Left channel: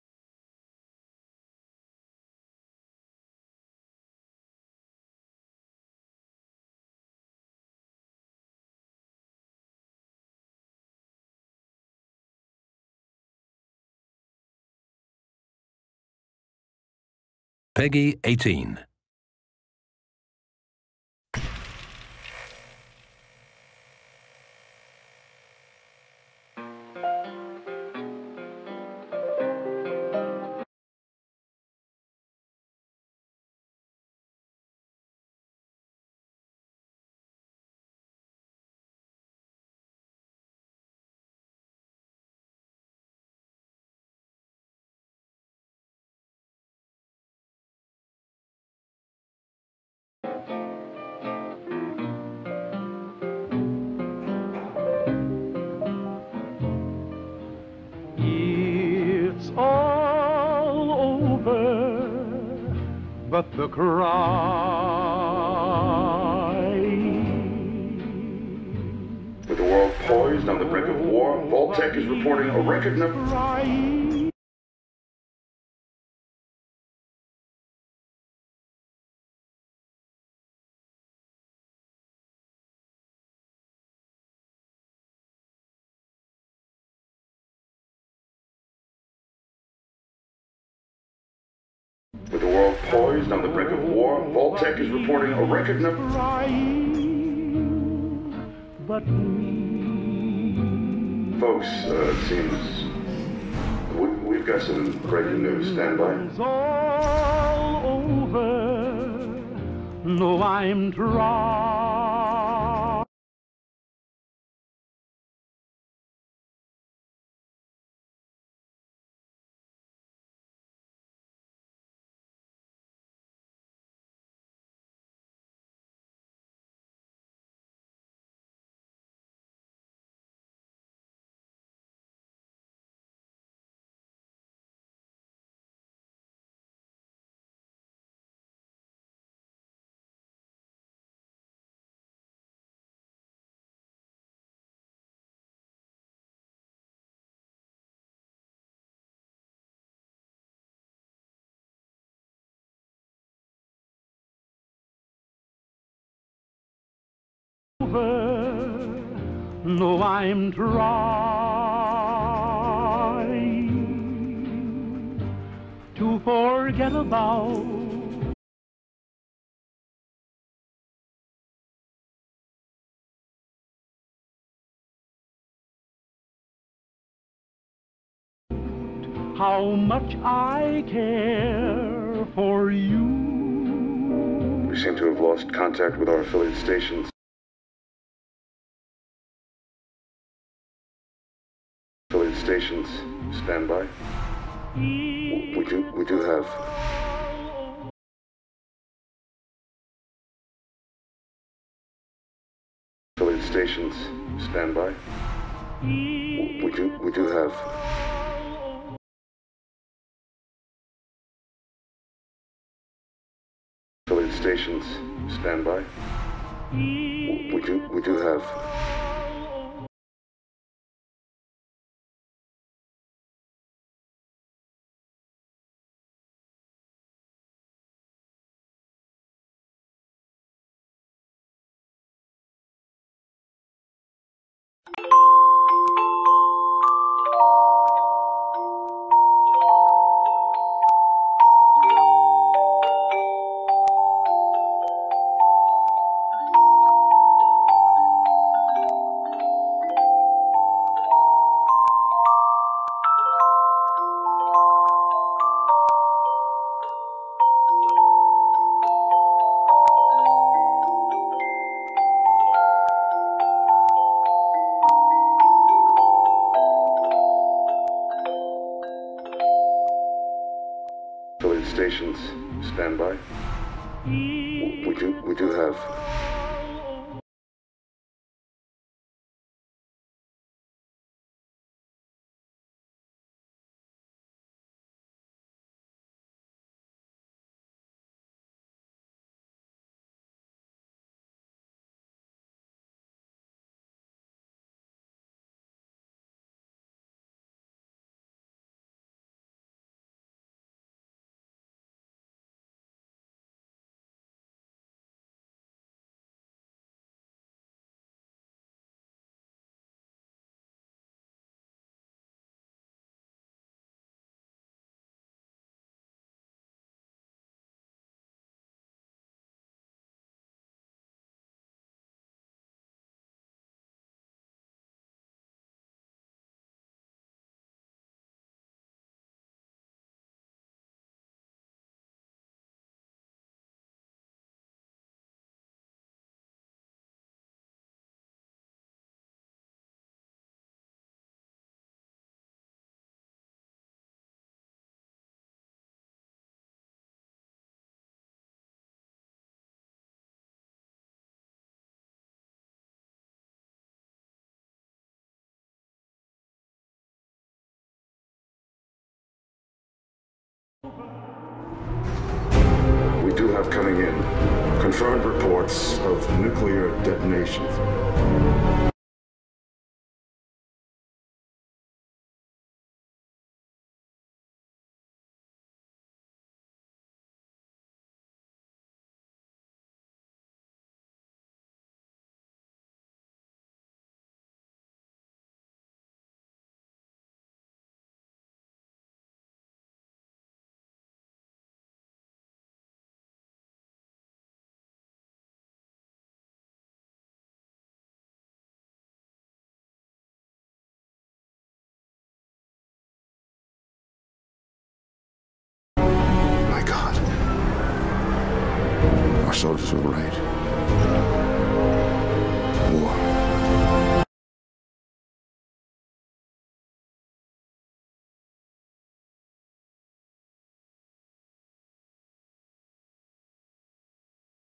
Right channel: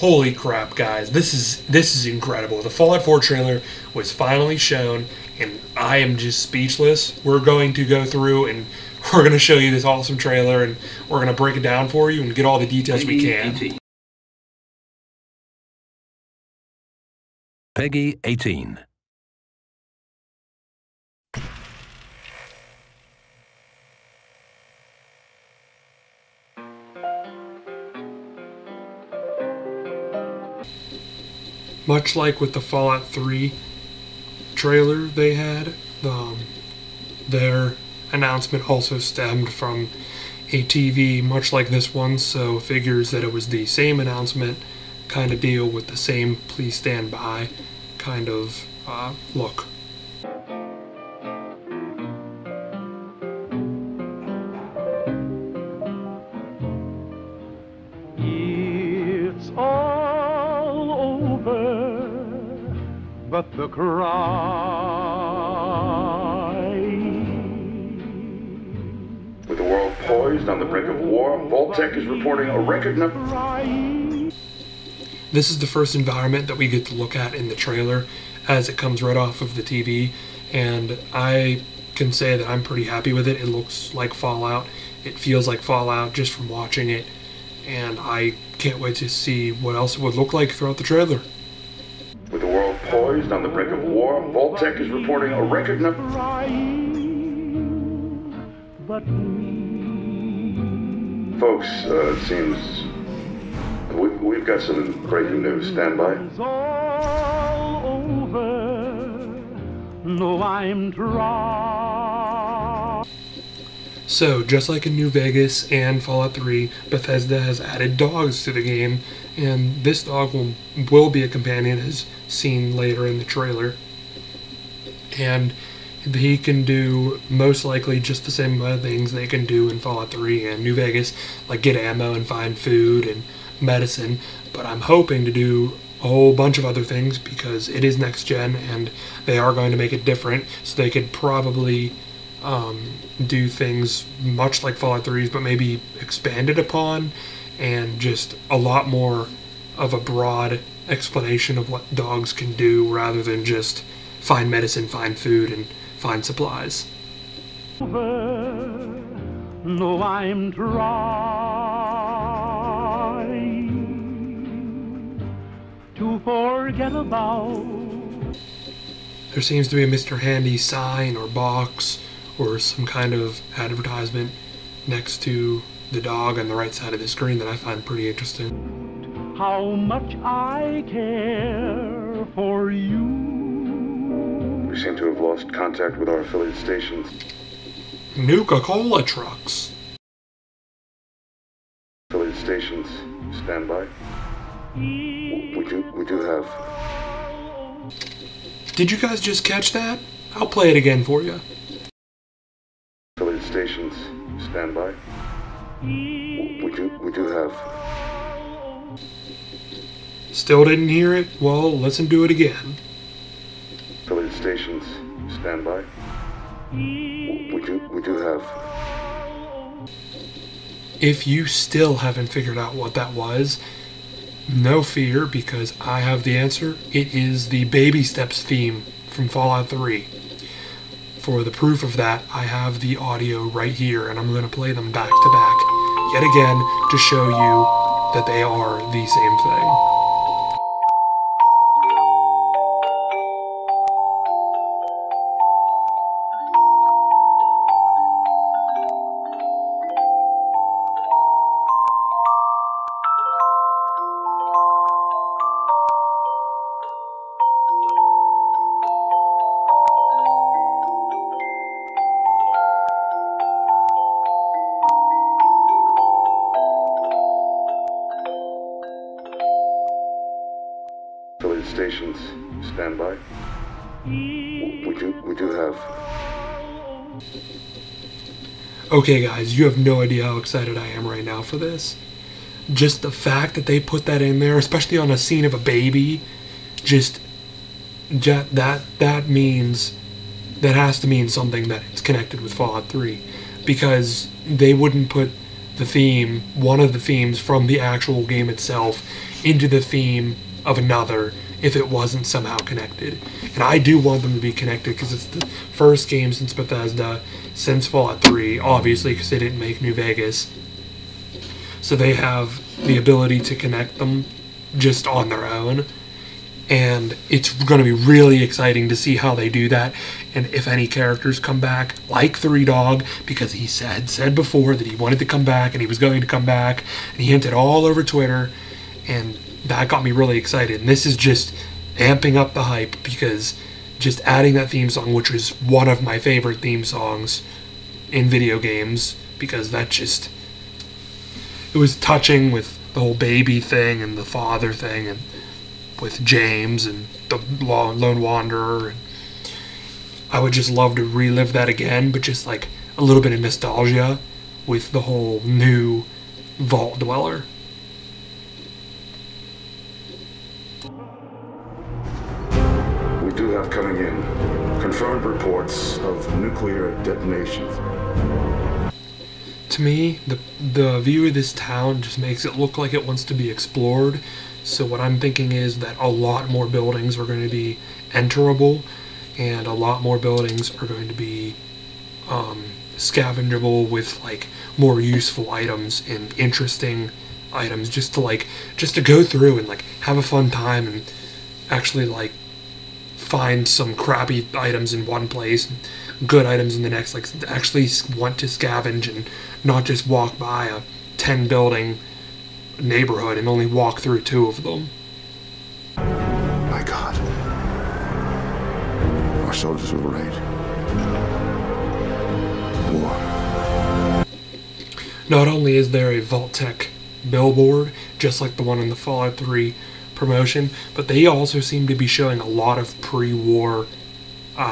Holy crap, guys. This is incredible. The Fallout 4 trailer was finally shown, and I am just speechless. We're going to go through and we're going to show you this awesome trailer, and we're going to break it down for you and get all the details we can. Peggy 18. Much like with the Fallout 3 trailer they had, their announcement also stemmed from a TV much like this one, so figures that it was the same announcement kind of deal with the same please stand by kind of look. It's all over, but the cry. With the world poised on the brink of war, Vault-Tec is reporting a record number. This is the first environment that we get to look at in the trailer as it comes right off of the TV, and I can say that I'm pretty happy with it. It looks like Fallout. It feels like Fallout just from watching it, and I can't wait to see what else it would look like throughout the trailer. With the world poised on the brink of war, Vault-Tec is reporting a record number. But Folks, it seems we've got some breaking news. Stand by. it's all over. No, I'm trying. So, just like in New Vegas and Fallout 3, Bethesda has added dogs to the game, and this dog will be a companion as seen later in the trailer. And he can do most likely just the same amount of things they can do in Fallout 3 and New Vegas, like get ammo and find food and medicine, but I'm hoping to do a whole bunch of other things because it is next gen and they are going to make it different, so they could probably do things much like Fallout 3's but maybe expanded upon, and just a lot more of a broad explanation of what dogs can do rather than just find medicine, find food, and find supplies. No, I'm trying to forget about. There seems to be a Mr. Handy sign or box or some kind of advertisement next to the dog on the right side of the screen that I find pretty interesting. How much I care for you. We seem to have lost contact with our affiliate stations. Nuka-Cola trucks. Affiliate stations, stand by. We do have. Did you guys just catch that? I'll play it again for you. Affiliate stations, stand by. We do have. Still didn't hear it? Well, listen to it again. Affiliate stations, stand by. We do have. If you still haven't figured out what that was, no fear, because I have the answer. It is the Baby Steps theme from Fallout 3. For the proof of that, I have the audio right here, and I'm going to play them back to back yet again to show you that they are the same thing. Affiliate stations, stand by. We do have. Okay guys, you have no idea how excited I am right now for this. Just the fact that they put that in there, especially on a scene of a baby, that means, that has to mean something that it's connected with Fallout 3. Because they wouldn't put the theme, one of the themes from the actual game itself, into the theme of another if it wasn't somehow connected. And I do want them to be connected because it's the first game since Bethesda, since Fallout 3, obviously because they didn't make New Vegas. So they have the ability to connect them just on their own. And it's going to be really exciting to see how they do that, and if any characters come back, like Three Dog, because he said before that he wanted to come back, and he was going to come back, and he hinted all over Twitter, and that got me really excited. And this is just amping up the hype, because just adding that theme song, which was one of my favorite theme songs in video games, because that just, it was touching with the whole baby thing, and the father thing, and with James and the Lone Wanderer. And I would just love to relive that again, but just like a little bit of nostalgia with the whole new Vault Dweller. We do have coming in confirmed reports of nuclear detonations. To me, the view of this town just makes it look like it wants to be explored. So what I'm thinking is that a lot more buildings are going to be enterable, and a lot more buildings are going to be scavengeable with like more useful items and interesting items, just to go through and like have a fun time and actually like find some crappy items in one place, good items in the next, like actually want to scavenge and not just walk by a 10 building neighborhood and only walk through 2 of them. My God. Our soldiers will raid. War. Not only is there a Vault-Tec billboard, just like the one in the Fallout 3 promotion, but they also seem to be showing a lot of pre-war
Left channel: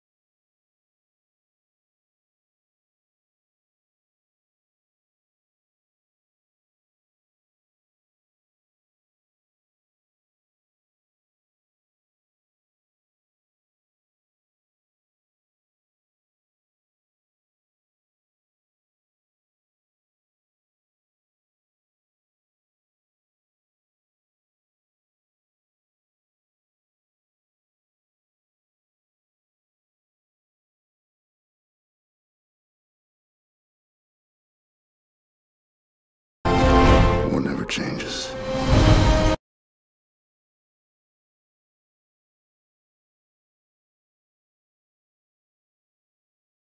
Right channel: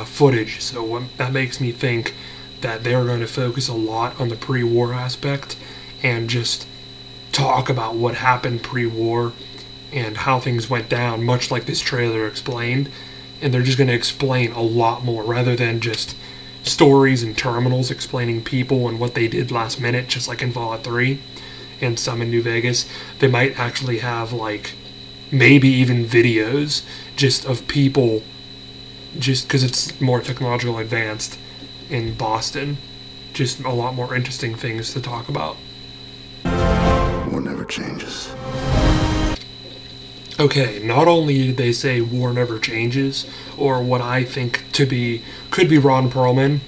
footage, so that makes me think that they're going to focus a lot on the pre-war aspect and just talk about what happened pre-war and how things went down, much like this trailer explained. And they're just going to explain a lot more rather than just stories and terminals explaining people and what they did last minute, just like in Fallout 3 and some in New Vegas. They might actually have like maybe even videos just of people, just because it's more technological advanced in Boston. Just a lot more interesting things to talk about. War never changes. Okay, not only did they say war never changes, or what I think could be Ron Perlman,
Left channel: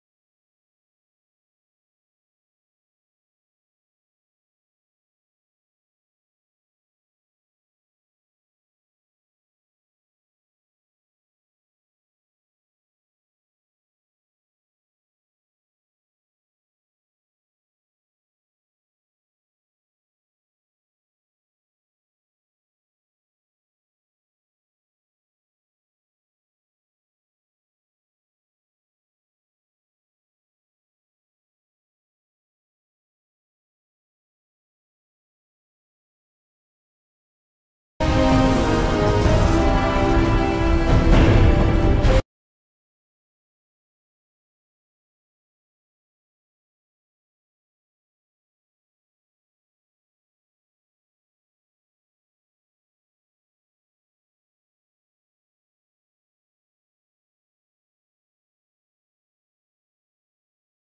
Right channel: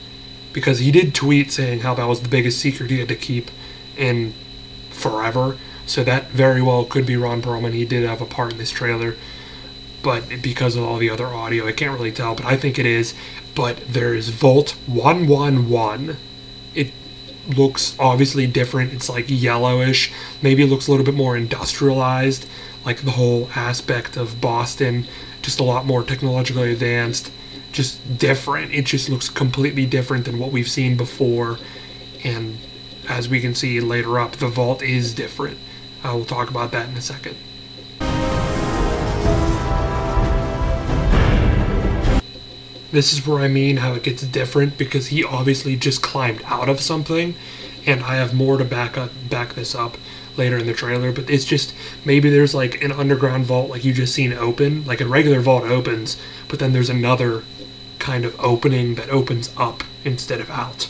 because he did tweet saying how that was the biggest secret he had to keep in forever, so that very well could be Ron Perlman. He did have a part in this trailer, but because of all the other audio, I can't really tell, but I think it is. But there's Vault 111. It looks obviously different. It's like yellowish. Maybe it looks a little bit more industrialized, like the whole aspect of Boston, just a lot more technologically advanced, just different. It just looks completely different than what we've seen before. And as we can see later up, the Vault is different. We'll talk about that in a second. This is where I mean how it gets different, because he obviously just climbed out of something, and I have more to back this up later in the trailer, but it's just, maybe there's like an underground vault like you just seen open, like a regular vault opens, but then there's another kind of opening that opens up instead of out.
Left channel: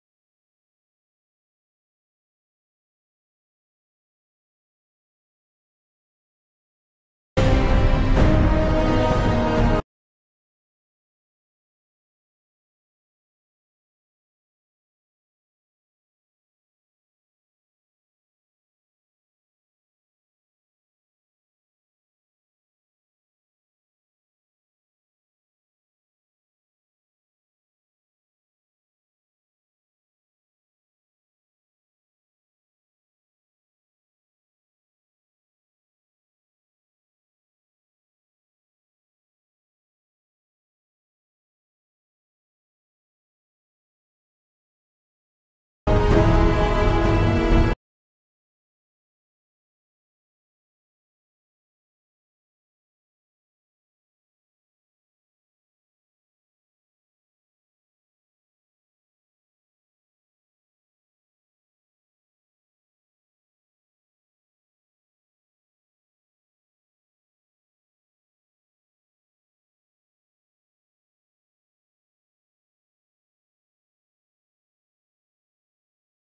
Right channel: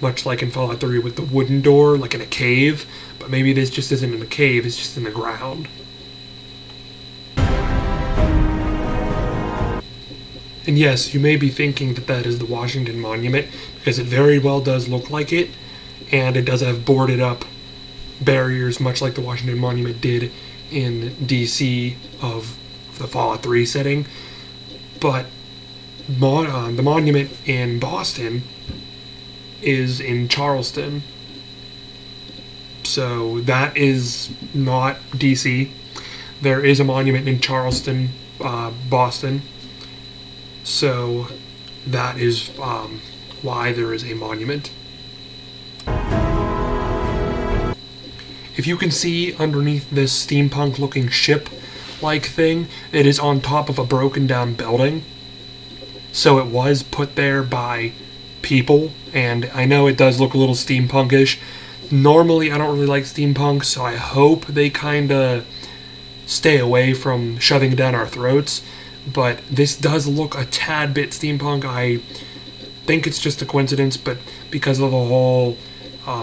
Much like in Fallout 3 with the wooden door, like in a cave, but maybe this just isn't in a cave, it's just in the ground. And yes, you may be thinking that that is the Washington Monument, because it very well does look like it, and it does have boarded up barriers, much like the Washington Monument did in DC of the Fallout 3 setting. But the monument in Boston is in Charleston, so that is not DC. There is a monument in Charleston, Boston. So that is why there is a monument. If you can see underneath this steampunk looking ship-like thing, it is on top of a broken down building. So it was put there by people, and I know it does look a little steampunkish. Normally I don't really like steampunk, so I hope they kinda stay away from shoving it down our throats, but this does look a tad bit steampunk. I think it's just a coincidence, but because of the whole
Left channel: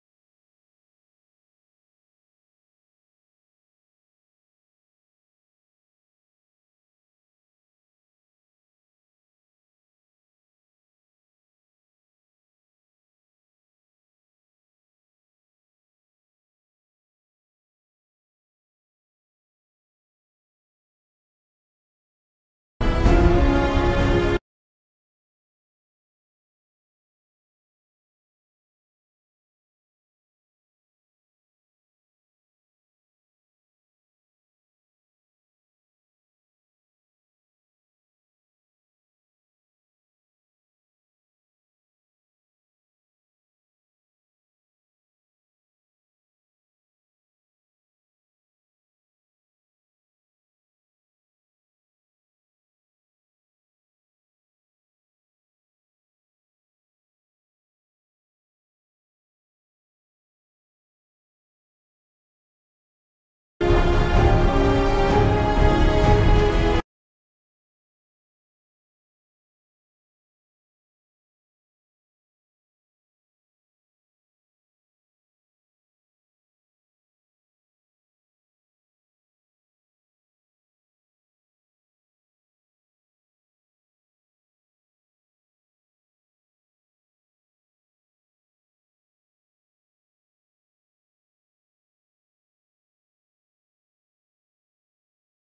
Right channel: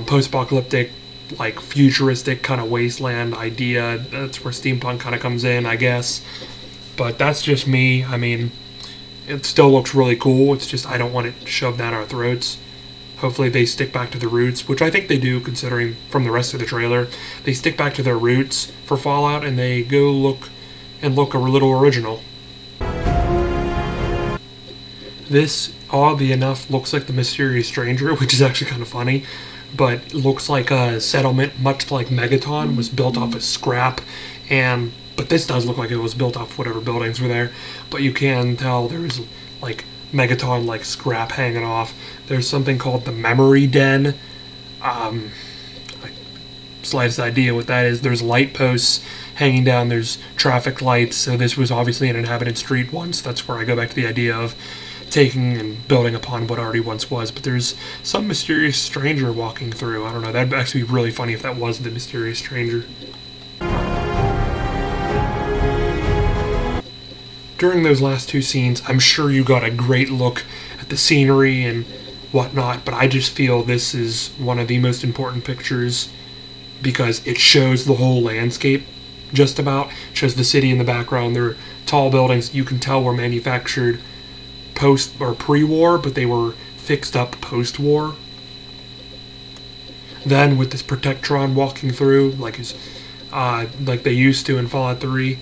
post-apocalyptic, like futuristic kind of wasteland idea, that's where steampunk kind of comes in, I guess. But that's just me. I mean, it still looks really cool. It's just I don't want it shoved down our throats. Hopefully they stick back to the roots, which I think they do, considering from the rest of the trailer. They stick back to their roots for Fallout, and they go look a little original. This, oddly enough, looks like the Mysterious Stranger, which is actually kind of funny, but looks like a settlement, much like Megaton, was built off of scrap, but this does look like it was built off whatever buildings were there, but you can tell there's, like, Megaton, like, scrap hanging off. There's something called the Memory Den. Slightest idea what that is. There's light posts hanging down. There's traffic lights. So this was obviously an inhabited street once. That's where I go back to the idea of taking and building upon what already once was. But there's some mysterious stranger walking through. I don't know. That'd actually be really funny if that was the Mysterious Stranger. During those last two scenes, I'm sure you got a great look at the scenery and whatnot, but I just feel this is one of the most important pictures because it shows the whole landscape, just about. It shows the city in the background. There are tall buildings you can tell were manufactured post or pre-war, but they were fixed up post-war. Then with this Protectron walking through, like they used to in Fallout 3,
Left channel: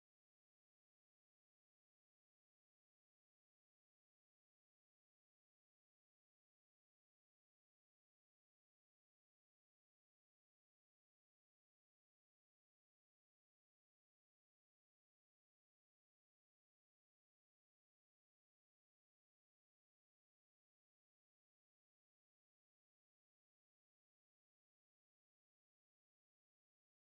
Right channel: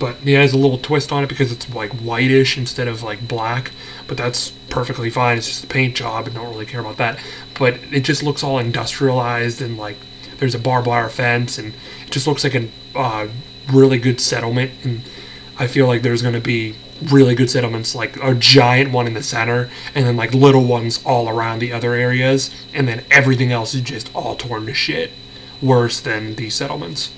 but it has a little twist on it because it's like whitish instead of like black, but that's perfectly fine. It's just a paint job and don't really care about that. But it just looks all industrialized and like there's a barbed wire fence and it just looks like a really good settlement. And I feel like there's going to be really good settlements, like a giant one in the center and then like little ones all around the other areas, and then everything else is just all torn to shit, worse than these settlements.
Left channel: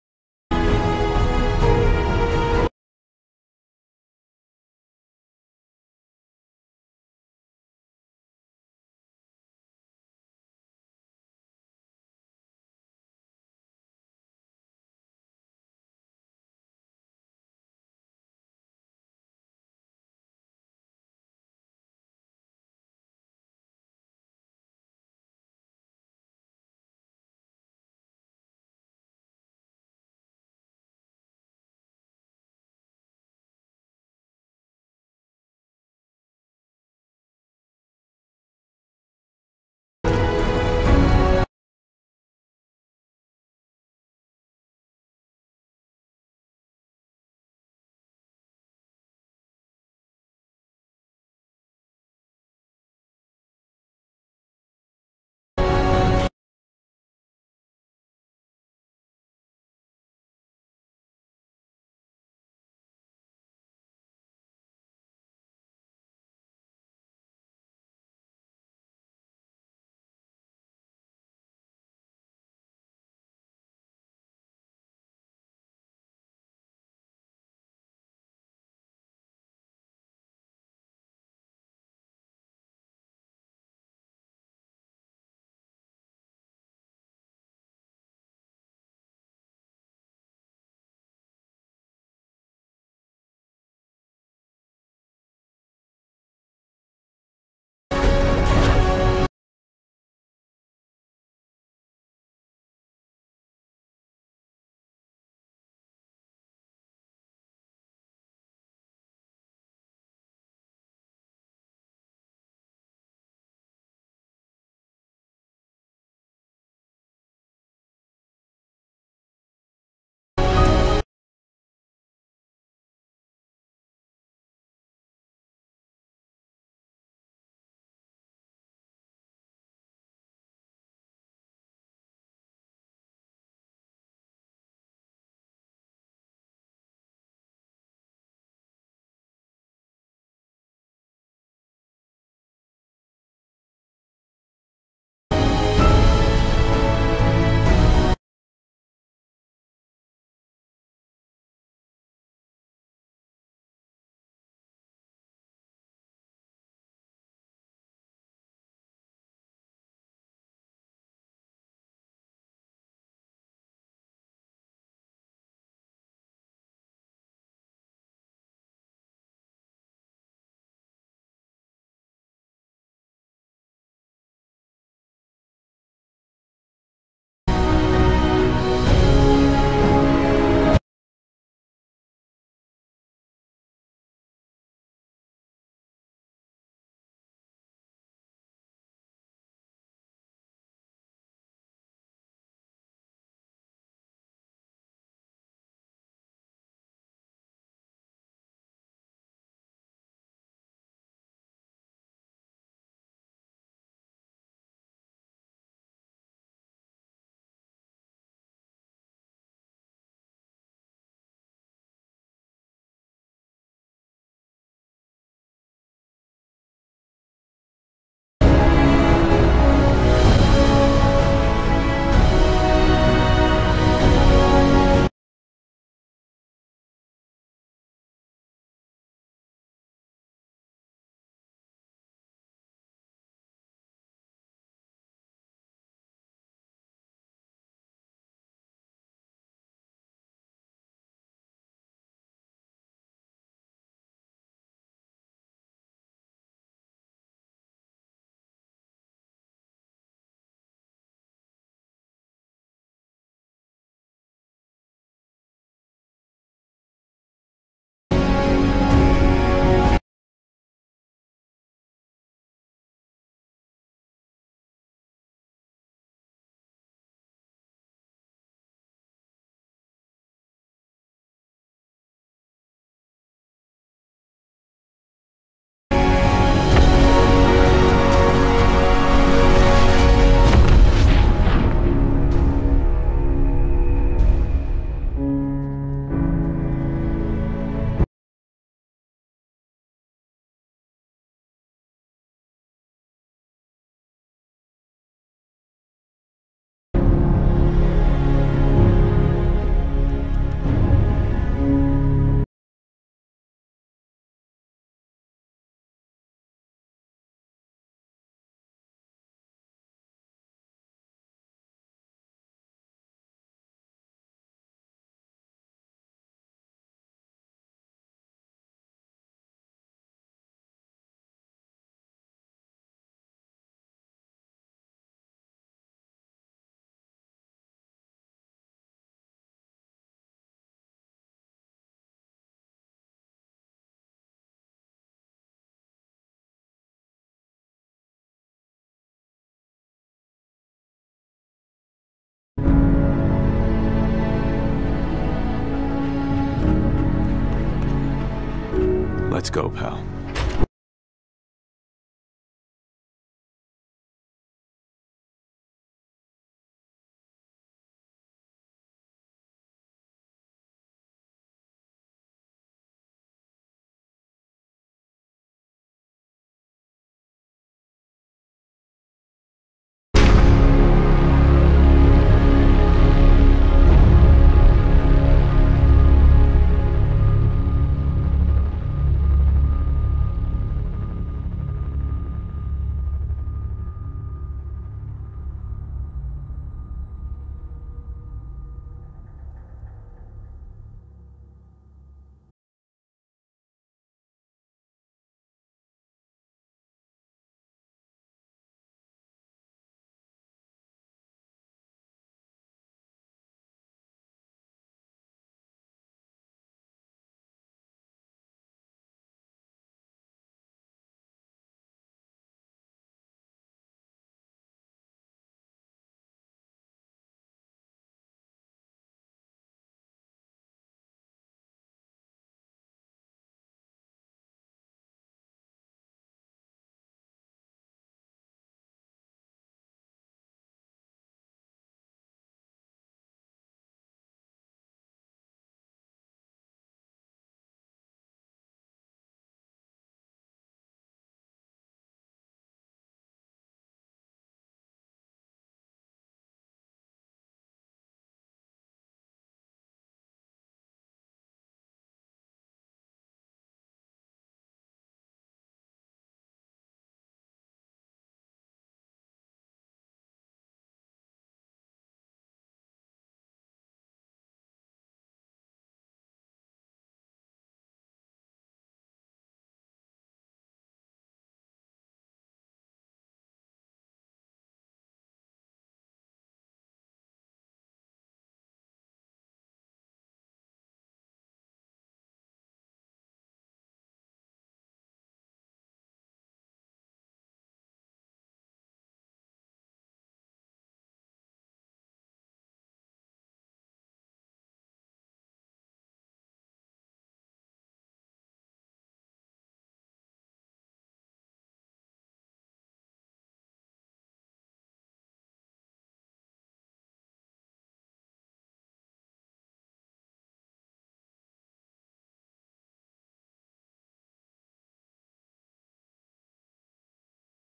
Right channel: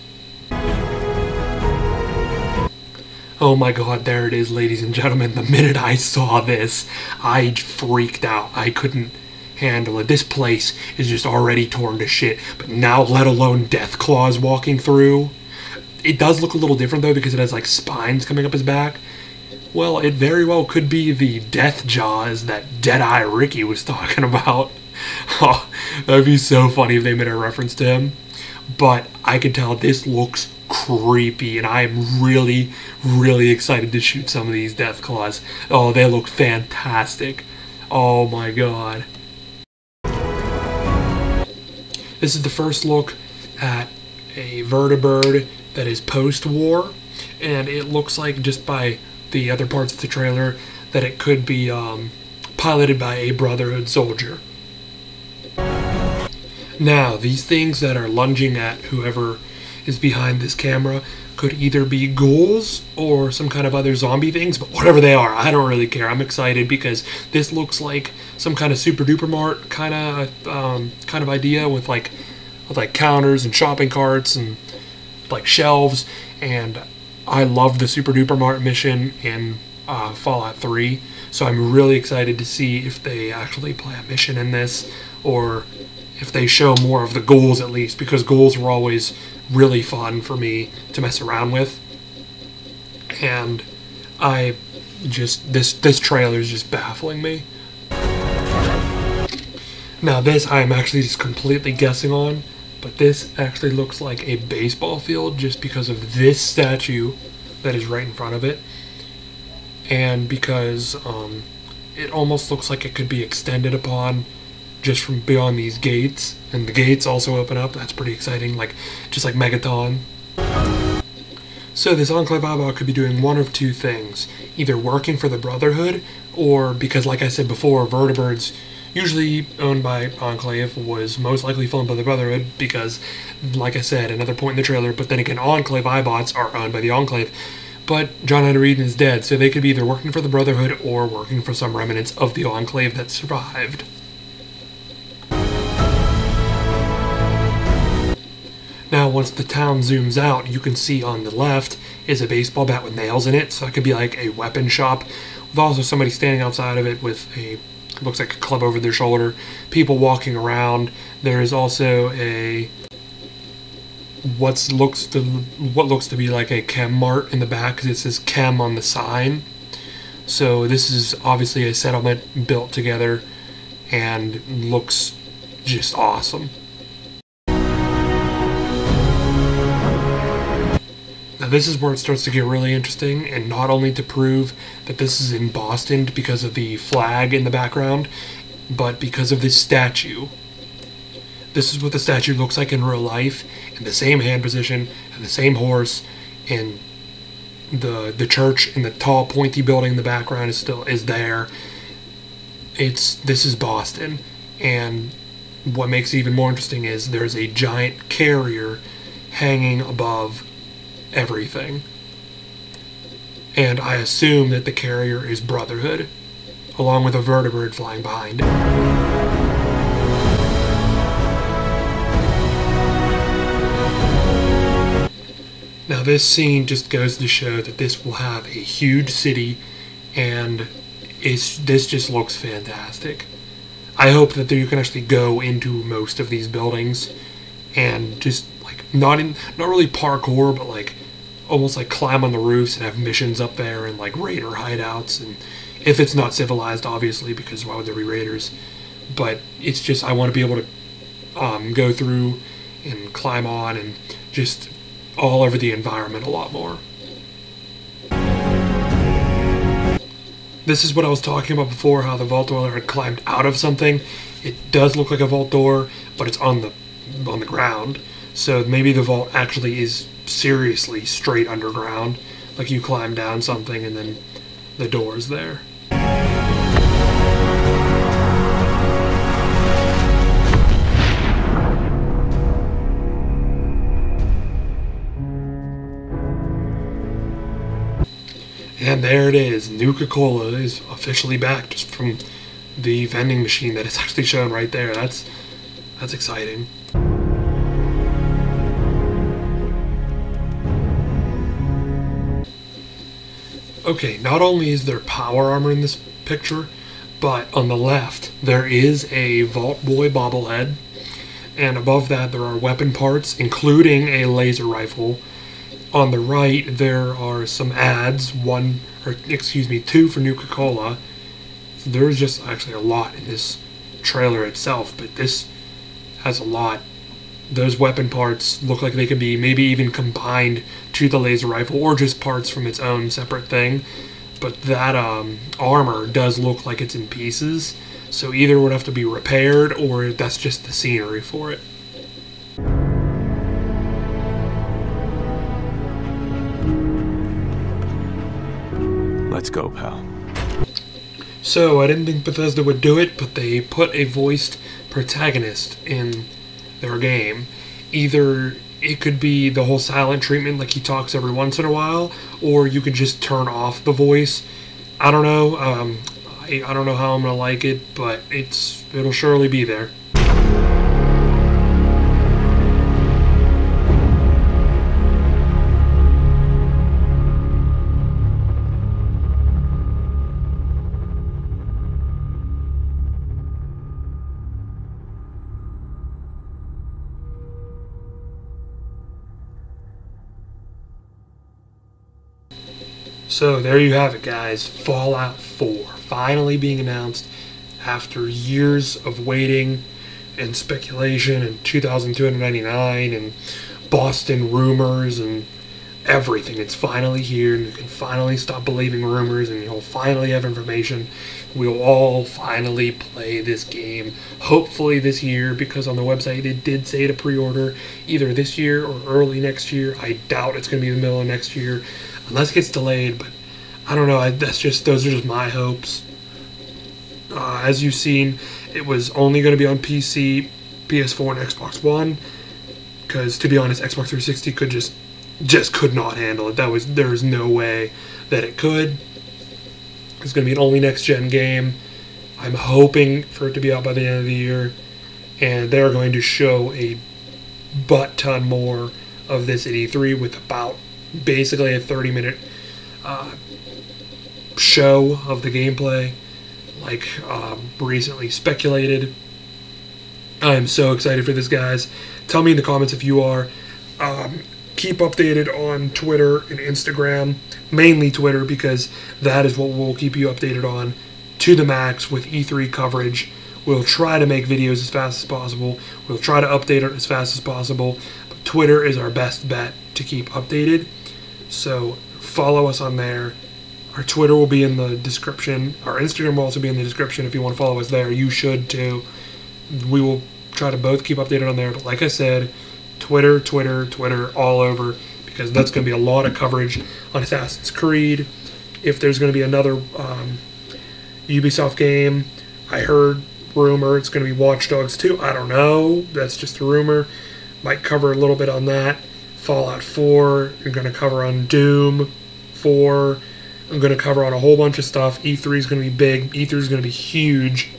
Oh my god, there it is, ladies and gentlemen. The minute I saw this, I freaked out. I couldn't handle it. This place is just already torn to shit, but now let alone Death Claws walking through. It does look a little different though because it has like spines coming up his back. Well, it very well could be the Death Jaws that Deadeye Ricky was talking about. Oh, that would be so funny if they made a reference to him. But I can tell this looks creepy, and I am really, really excited to shoot some of these Death Claws. Oh, they look fantastic. Oh my god. This is the first look at a vertibird that is post-war, and it looks like, just by the other parts of the trailer, that it could be piloted by a Brotherhood soldier. Now, these things that are lunging at whoever is behind this camera could either be ghouls or some kind of other zombie things, but whatever they are, I don't really care. I'm excited because this looks like some kind of Super Duper Mart kind of idea with like counters and shopping carts and like shelves. And I love the Super Duper Mart mission in Fallout 3, so I'm really excited to see if they actually play a mission in this, or if they show more of the ghouls at least, because ghouls were always really fun for me to mess around with. And this trailer is just baffling me. Now this I'm actually just completely guessing on, but this actually looks like a baseball field just because of this statue that is right in front of it, and because it almost looks like it could be extended upon just from beyond these gates, and the gates also open up. That's pretty exciting, like just like Megaton. So this Enclave eyebot could be doing one of two things: either working for the Brotherhood, or, because like I said before, vertibirds usually owned by Enclave was most likely filmed by the Brotherhood, because like I said, another point in the trailer, but then again, Enclave eyebots are owned by the Enclave. But John Hunter Eden is dead, so they could be either working for the Brotherhood or working for some remnants of the Enclave that survived. Now, once the town zooms out, you can see on the left is a baseball bat with nails in it, so that could be like a weapon shop, with also somebody standing outside of it with a, looks like a club over their shoulder, people walking around. There is also a what looks to be like a chem mart in the back, because it says chem on the sign. So this is obviously a settlement built together and looks just awesome. Now this is where it starts to get really interesting, and not only to prove that this is in Boston because of the flag in the background, but because of this statue. This is what the statue looks like in real life, in the same hand position, and the same horse, and the church and the tall pointy building in the background is there. This is Boston, and what makes it even more interesting is there's a giant carrier hanging above everything, and I assume that the carrier is Brotherhood, along with a vertibird flying behind it. Now this scene just goes to show that this will have a huge city, and this just looks fantastic. I hope that you can actually go into most of these buildings and just like not really parkour, but like almost like climb on the roofs and have missions up there and like raider hideouts, and if it's not civilized, obviously, because why would there be raiders? But it's just I want to be able to go through and climb on and just all over the environment a lot more. This is what I was talking about before, how the vault door had climbed out of something. It does look like a vault door, but it's on the ground. So maybe the vault actually is seriously straight underground, like you climb down something and then the door's there. And there it is. Nuka-Cola is officially back, just from the vending machine that is actually shown right there. That's exciting. Okay, not only is there power armor in this picture, but on the left there is a Vault Boy bobblehead, and above that there are weapon parts, including a laser rifle. On the right, there are some ads, two for Nuka-Cola. There's just actually a lot in this trailer itself, but this has a lot. Those weapon parts look like they could be maybe even combined to the laser rifle, or just parts from its own separate thing. But that armor does look like it's in pieces, so either it would have to be repaired, or that's just the scenery for it. Let's go, pal. So, I didn't think Bethesda would do it, but they put a voiced protagonist in their game. Either it could be the whole silent treatment, like he talks every once in a while, or you could just turn off the voice. I don't know. I don't know how I'm gonna like it, but it'll surely be there. So there you have it, guys. Fallout 4 finally being announced after years of waiting and speculation and 2,299 and Boston rumors and everything. It's finally here, and you can finally stop believing rumors, and you'll finally have information. We'll all finally play this game, hopefully this year, because on the website it did say to pre-order either this year or early next year. I doubt it's going to be the middle of next year, unless it gets delayed, but I don't know. Those are just my hopes. As you've seen, it was only going to be on PC, PS4, and Xbox One, because to be honest, Xbox 360 could not handle it. There was no way that it could. It's going to be an only next-gen game. I'm hoping for it to be out by the end of the year, and they're going to show a butt-ton more of this at E3 with about basically a 30-minute show of the gameplay, like recently speculated. I'm so excited for this, guys. Tell me in the comments if you are. Keep updated on Twitter and Instagram, mainly Twitter, because that is what we'll keep you updated on to the max with E3 coverage. We'll try to make videos as fast as possible. We'll try to update it as fast as possible. But Twitter is our best bet to keep updated. So follow us on there. Our Twitter will be in the description. Our Instagram will also be in the description. If you want to follow us there, you should too. We will try to both keep updated on there. But like I said, Twitter, all over, because that's going to be a lot of coverage on Assassin's Creed. If there's going to be another Ubisoft game, I heard rumor it's going to be Watch Dogs 2. I don't know. That's just a rumor. Might cover a little bit on that. Fallout 4. I'm going to cover on Doom 4. I'm going to cover on a whole bunch of stuff. E3 is going to be big. E3 is going to be huge.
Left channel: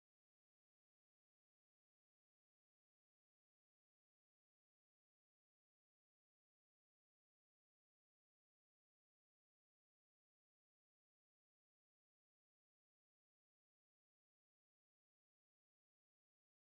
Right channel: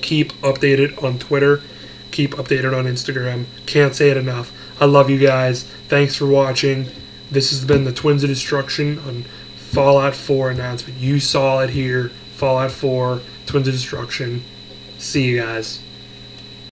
Keep updated on Twitter. Keep updated on Instagram. Can't say it enough. I love you guys. Thanks for watching. This has been the Twins of Destruction on Fallout 4 announcement. You saw it here. Fallout 4, Twins of Destruction. See you guys.